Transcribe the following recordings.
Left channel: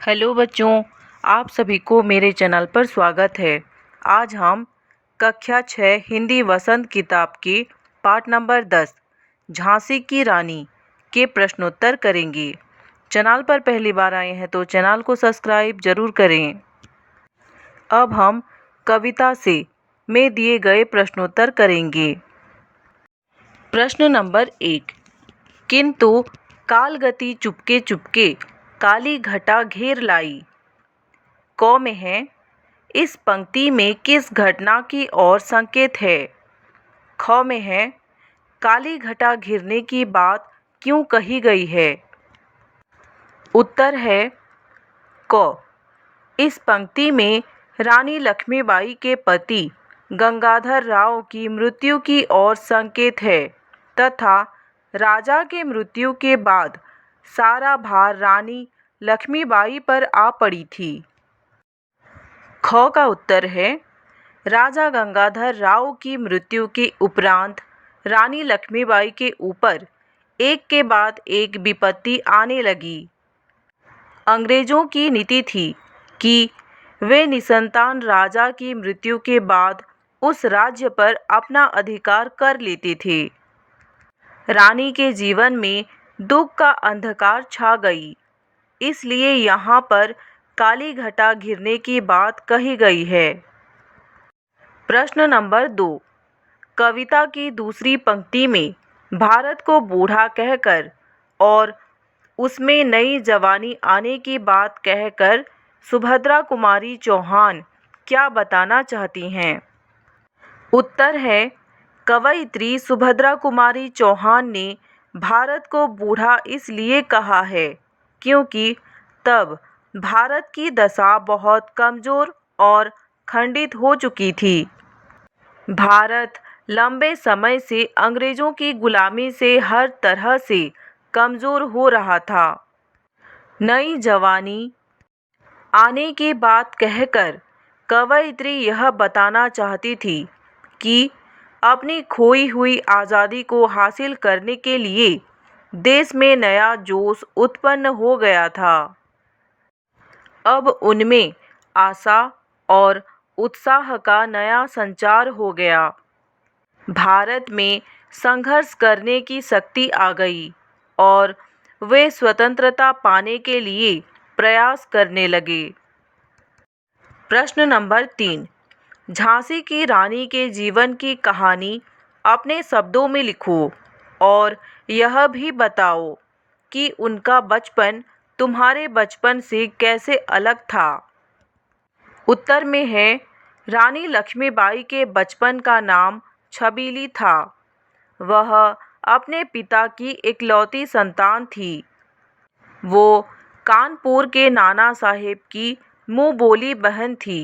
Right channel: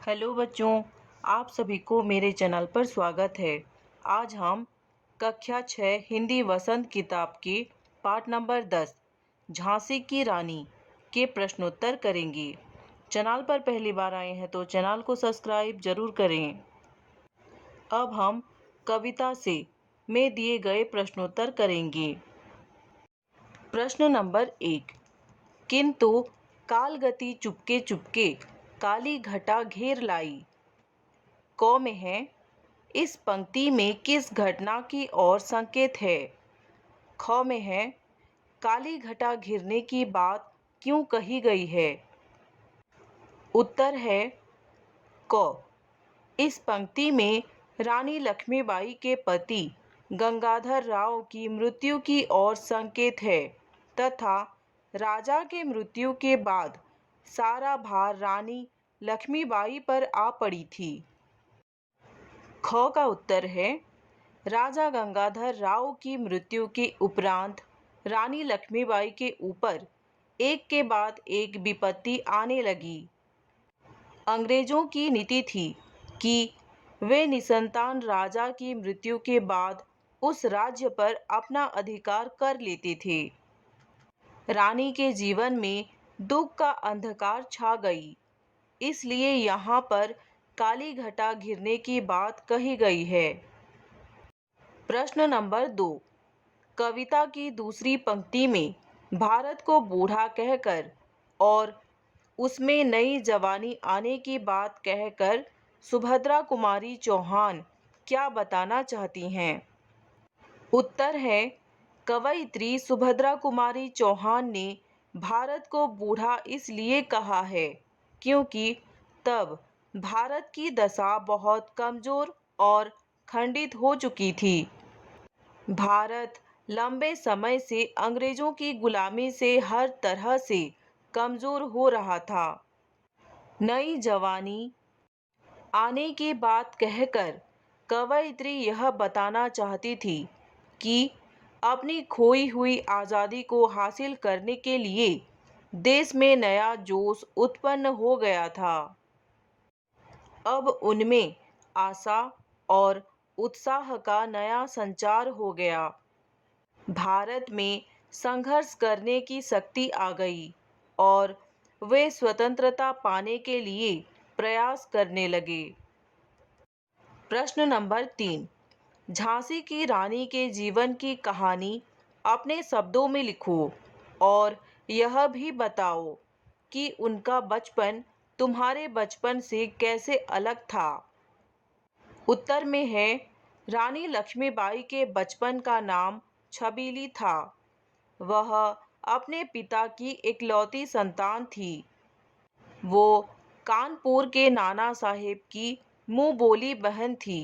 Hello बच्चों, आप सभी को मेरे चैनल पर स्वागत है। आज हम कक्षा 6 हिंदी वसंत किताब के पाठ नंबर 10 झांसी की रानी के प्रश्नोत्तर करेंगे। चैनल पर पहली बार आए हैं तो चैनल को सब्सक्राइब जरूर करें। अब हम कविता से में दिए गए प्रश्नोत्तर करेंगे। प्रश्न नंबर 1। किंतु कालगति चुपके चुपके काली घटा घेर लाई। क में है, इस पंक्ति में किस घटना की ओर संकेत है। ख में है, काली घटा घिरने की बात क्यों कही गई है। उत्तर है क। इस पंक्ति में रानी लक्ष्मीबाई के पति गंगाधर राव की मृत्यु की ओर संकेत है तथा राजा के मृत्यु के बाद सारा भार रानी लक्ष्मीबाई पर आ पड़ी थी। ख का उत्तर है, राजा गंगाधर राव की मृत्यु के उपरांत रानी लक्ष्मीबाई के ऊपर एक के बाद एक विपत्ति आने लगी। अंग्रेजों की नीति थी कि वे निसंतान राजा की मृत्यु के बाद उस राज्य पर अपना अधिकार कर लेते थे। रानी के जीवन में दुख का अंधकार छा गई, इसलिए यहाँ पर काली घटा घिरने की बात कही गई है। प्रश्न नंबर 2। कविता की दूसरी पंक्ति में भारत को बूढ़ा कहकर और उसमें नई जवानी आने की बात कहकर सुभद्रा कुमारी चौहान क्या बताना चाहती हैं। उत्तर है, कवयित्री सुभद्रा कुमारी चौहान ने भारत को बूढ़ा इसलिए कहा है क्योंकि तब भारत की दशा बहुत कमज़ोर और खंडित हो चुकी थी। भारत लंबे समय से अंग्रेज़ों की गुलामी से हर तरह से कमज़ोर हो रहा था। नई जवानी आने की बात कहकर कवयित्री यह बताना चाहती थी कि अपनी खोई हुई आज़ादी को हासिल करने के लिए देश में नया जोश उत्पन्न हो गया था। अब उनमें आशा और उत्साह का नया संचार हो गया। भारत में संघर्ष करने की शक्ति आ गई और वे स्वतंत्रता पाने के लिए प्रयास करने लगे। प्रश्न नंबर 3। झांसी की रानी के जीवन की कहानी अपने शब्दों में लिखो और यह भी बताओ कि उनका बचपन तुम्हारे बचपन से कैसे अलग था। उत्तर में है, रानी लक्ष्मीबाई के बचपन का नाम छबीली था। वह अपने पिता की इकलौती संतान थी। वो कानपुर के नाना साहेब की मुँह बोली बहन थी।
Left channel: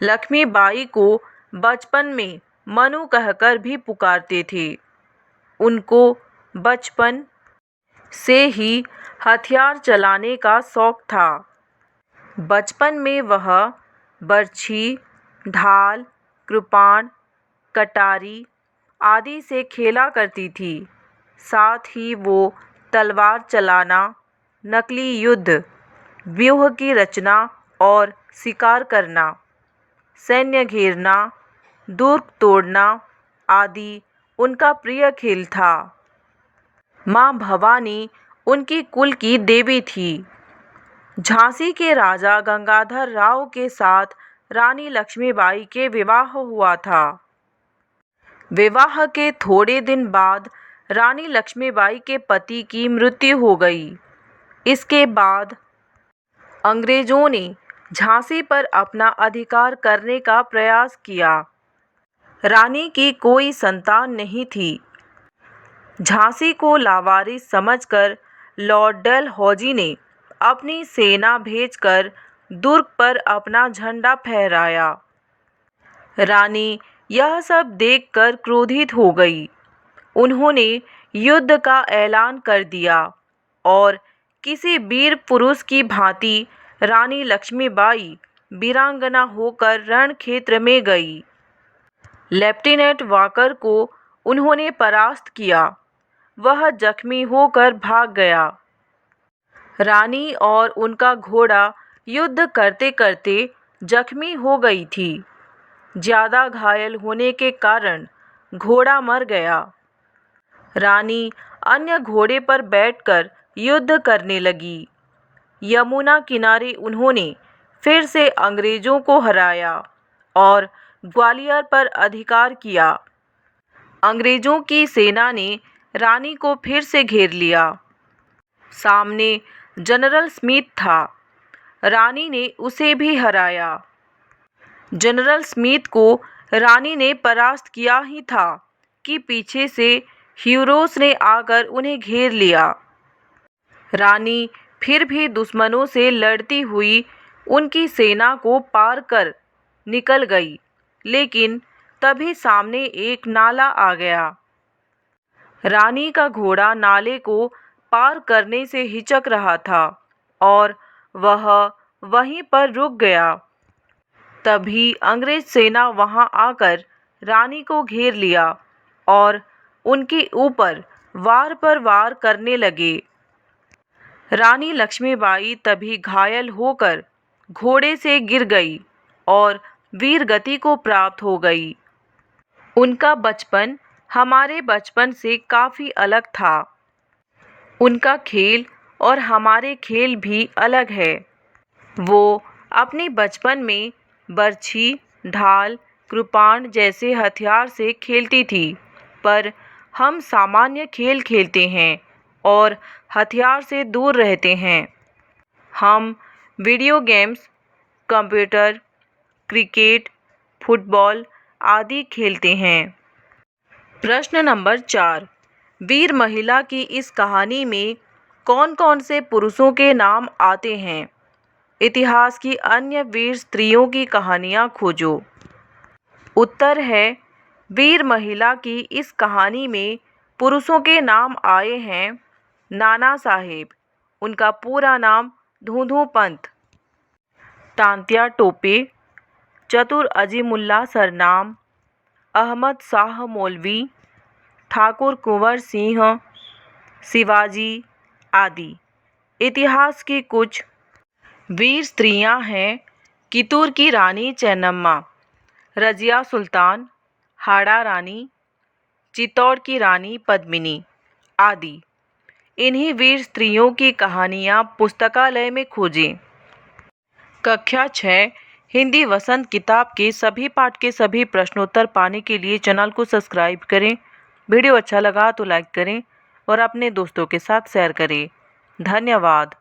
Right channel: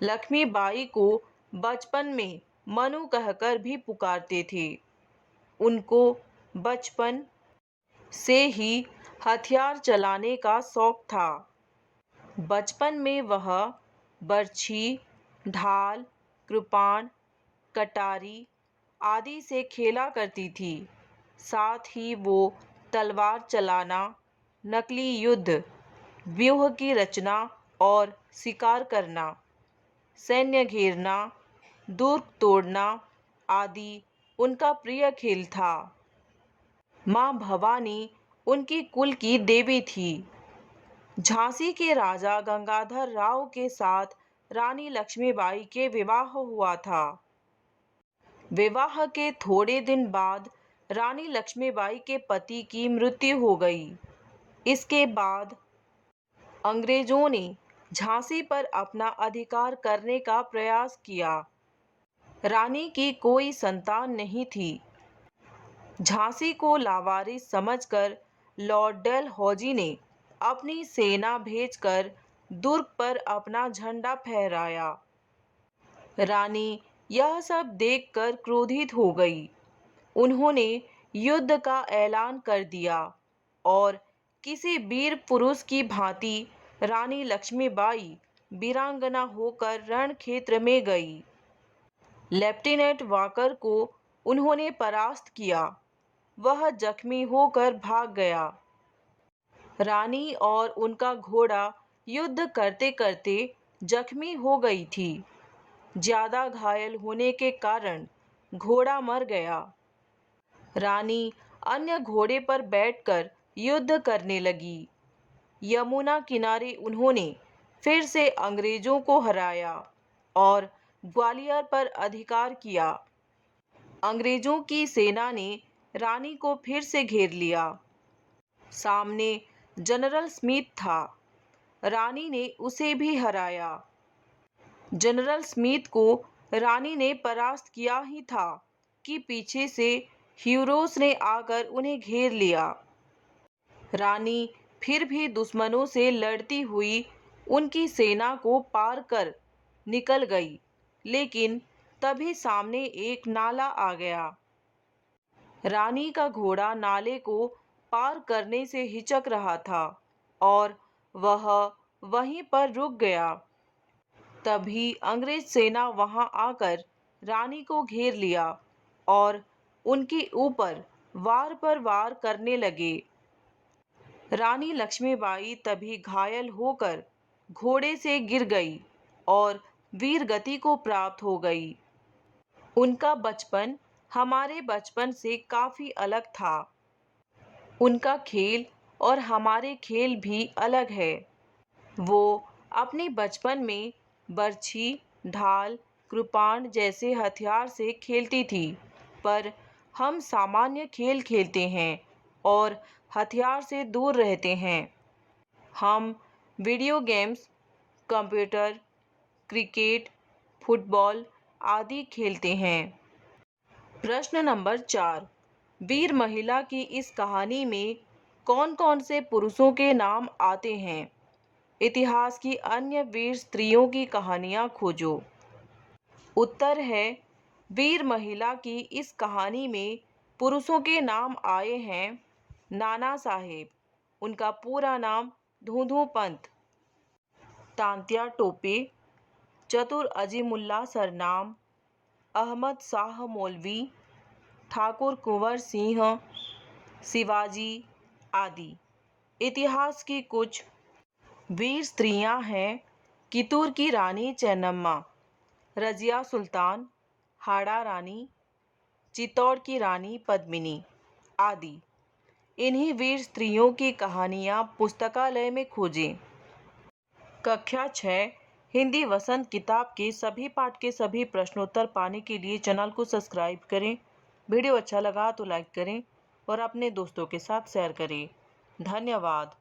लक्ष्मीबाई को बचपन में मनु कहकर भी पुकारते थे। उनको बचपन से ही हथियार चलाने का शौक था। बचपन में वह बर्छी, ढाल, कृपाण, कटारी आदि से खेला करती थी। साथ ही वो तलवार चलाना, नकली युद्ध, व्यूह की रचना और शिकार करना, सैन्य घेरना, दुर्ग तोड़ना आदि उनका प्रिय खेल था। माँ भवानी उनकी कुल की देवी थी। झांसी के राजा गंगाधर राव के साथ रानी लक्ष्मीबाई के विवाह हुआ था। विवाह के थोड़े दिन बाद रानी लक्ष्मीबाई के पति की मृत्यु हो गई। इसके बाद अंग्रेजों ने झांसी पर अपना अधिकार करने का प्रयास किया। रानी की कोई संतान नहीं थी। झांसी को लावारिस समझकर लॉर्ड डलहौजी ने अपनी सेना भेजकर दुर्ग पर अपना झंडा फहराया। रानी यह सब देखकर क्रोधित हो गई। उन्होंने युद्ध का ऐलान कर दिया और किसी वीर पुरुष की भांति रानी लक्ष्मीबाई वीरांगना होकर रण क्षेत्र में गई। लेफ्टिनेंट वाकर को उन्होंने परास्त किया। वह जख्मी होकर भाग गया। रानी और उनका घोड़ा युद्ध करते करते जख्मी हो गई थी। ज़्यादा घायल होने के कारण घोड़ा मर गया। रानी अन्य घोड़े पर बैठकर युद्ध करने लगी। यमुना किनारे उन्होंने फिर से अंग्रेज़ों को हराया और ग्वालियर पर अधिकार किया। अंग्रेज़ों की सेना ने रानी को फिर से घेर लिया। सामने जनरल स्मिथ था। रानी ने उसे भी हराया। जनरल स्मिथ को रानी ने परास्त किया ही था कि पीछे से हीरोज ने आकर उन्हें घेर लिया। रानी फिर भी दुश्मनों से लड़ती हुई उनकी सेना को पार कर निकल गई, लेकिन तभी सामने एक नाला आ गया। रानी का घोड़ा नाले को पार करने से हिचक रहा था और वह वहीं पर रुक गया। तभी अंग्रेज सेना वहां आकर रानी को घेर लिया और उनके ऊपर वार पर वार करने लगे। रानी लक्ष्मीबाई तभी घायल होकर घोड़े से गिर गई और वीर गति को प्राप्त हो गई। उनका बचपन हमारे बचपन से काफ़ी अलग था। उनका खेल और हमारे खेल भी अलग है। वो अपने बचपन में बर्छी, ढाल, कृपाण जैसे हथियार से खेलती थी, पर हम सामान्य खेल खेलते हैं और हथियार से दूर रहते हैं। हम video games, computer, cricket, football आदि खेलते हैं। प्रश्न नंबर 4, वीर महिला की इस कहानी में कौन-कौन से पुरुषों के नाम आते हैं? इतिहास की अन्य वीर स्त्रियों की कहानियाँ खोजो। उत्तर है, वीर महिला की इस कहानी में पुरुषों के नाम आए हैं नाना साहेब, उनका पूरा नाम धूंधू पंत, तांत्या टोपे, चतुर अजीमुल्ला सरनाम, अहमद शाह मौलवी, ठाकुर कुंवर सिंह, शिवाजी आदि। इतिहास की कुछ वीर स्त्रियां हैं कितूर की रानी चेन्नम्मा, रजिया सुल्तान, हाड़ा रानी, चित्तौड़ की रानी पद्मिनी आदि। इन्हीं वीर स्त्रियों की कहानियाँ पुस्तकालय में खोजें। कक्षा 6 हिंदी वसंत किताब के सभी पाठ के सभी प्रश्नोत्तर पाने के लिए चैनल को सब्सक्राइब करें। वीडियो अच्छा लगा तो लाइक करें और अपने दोस्तों के साथ शेयर करें। धन्यवाद।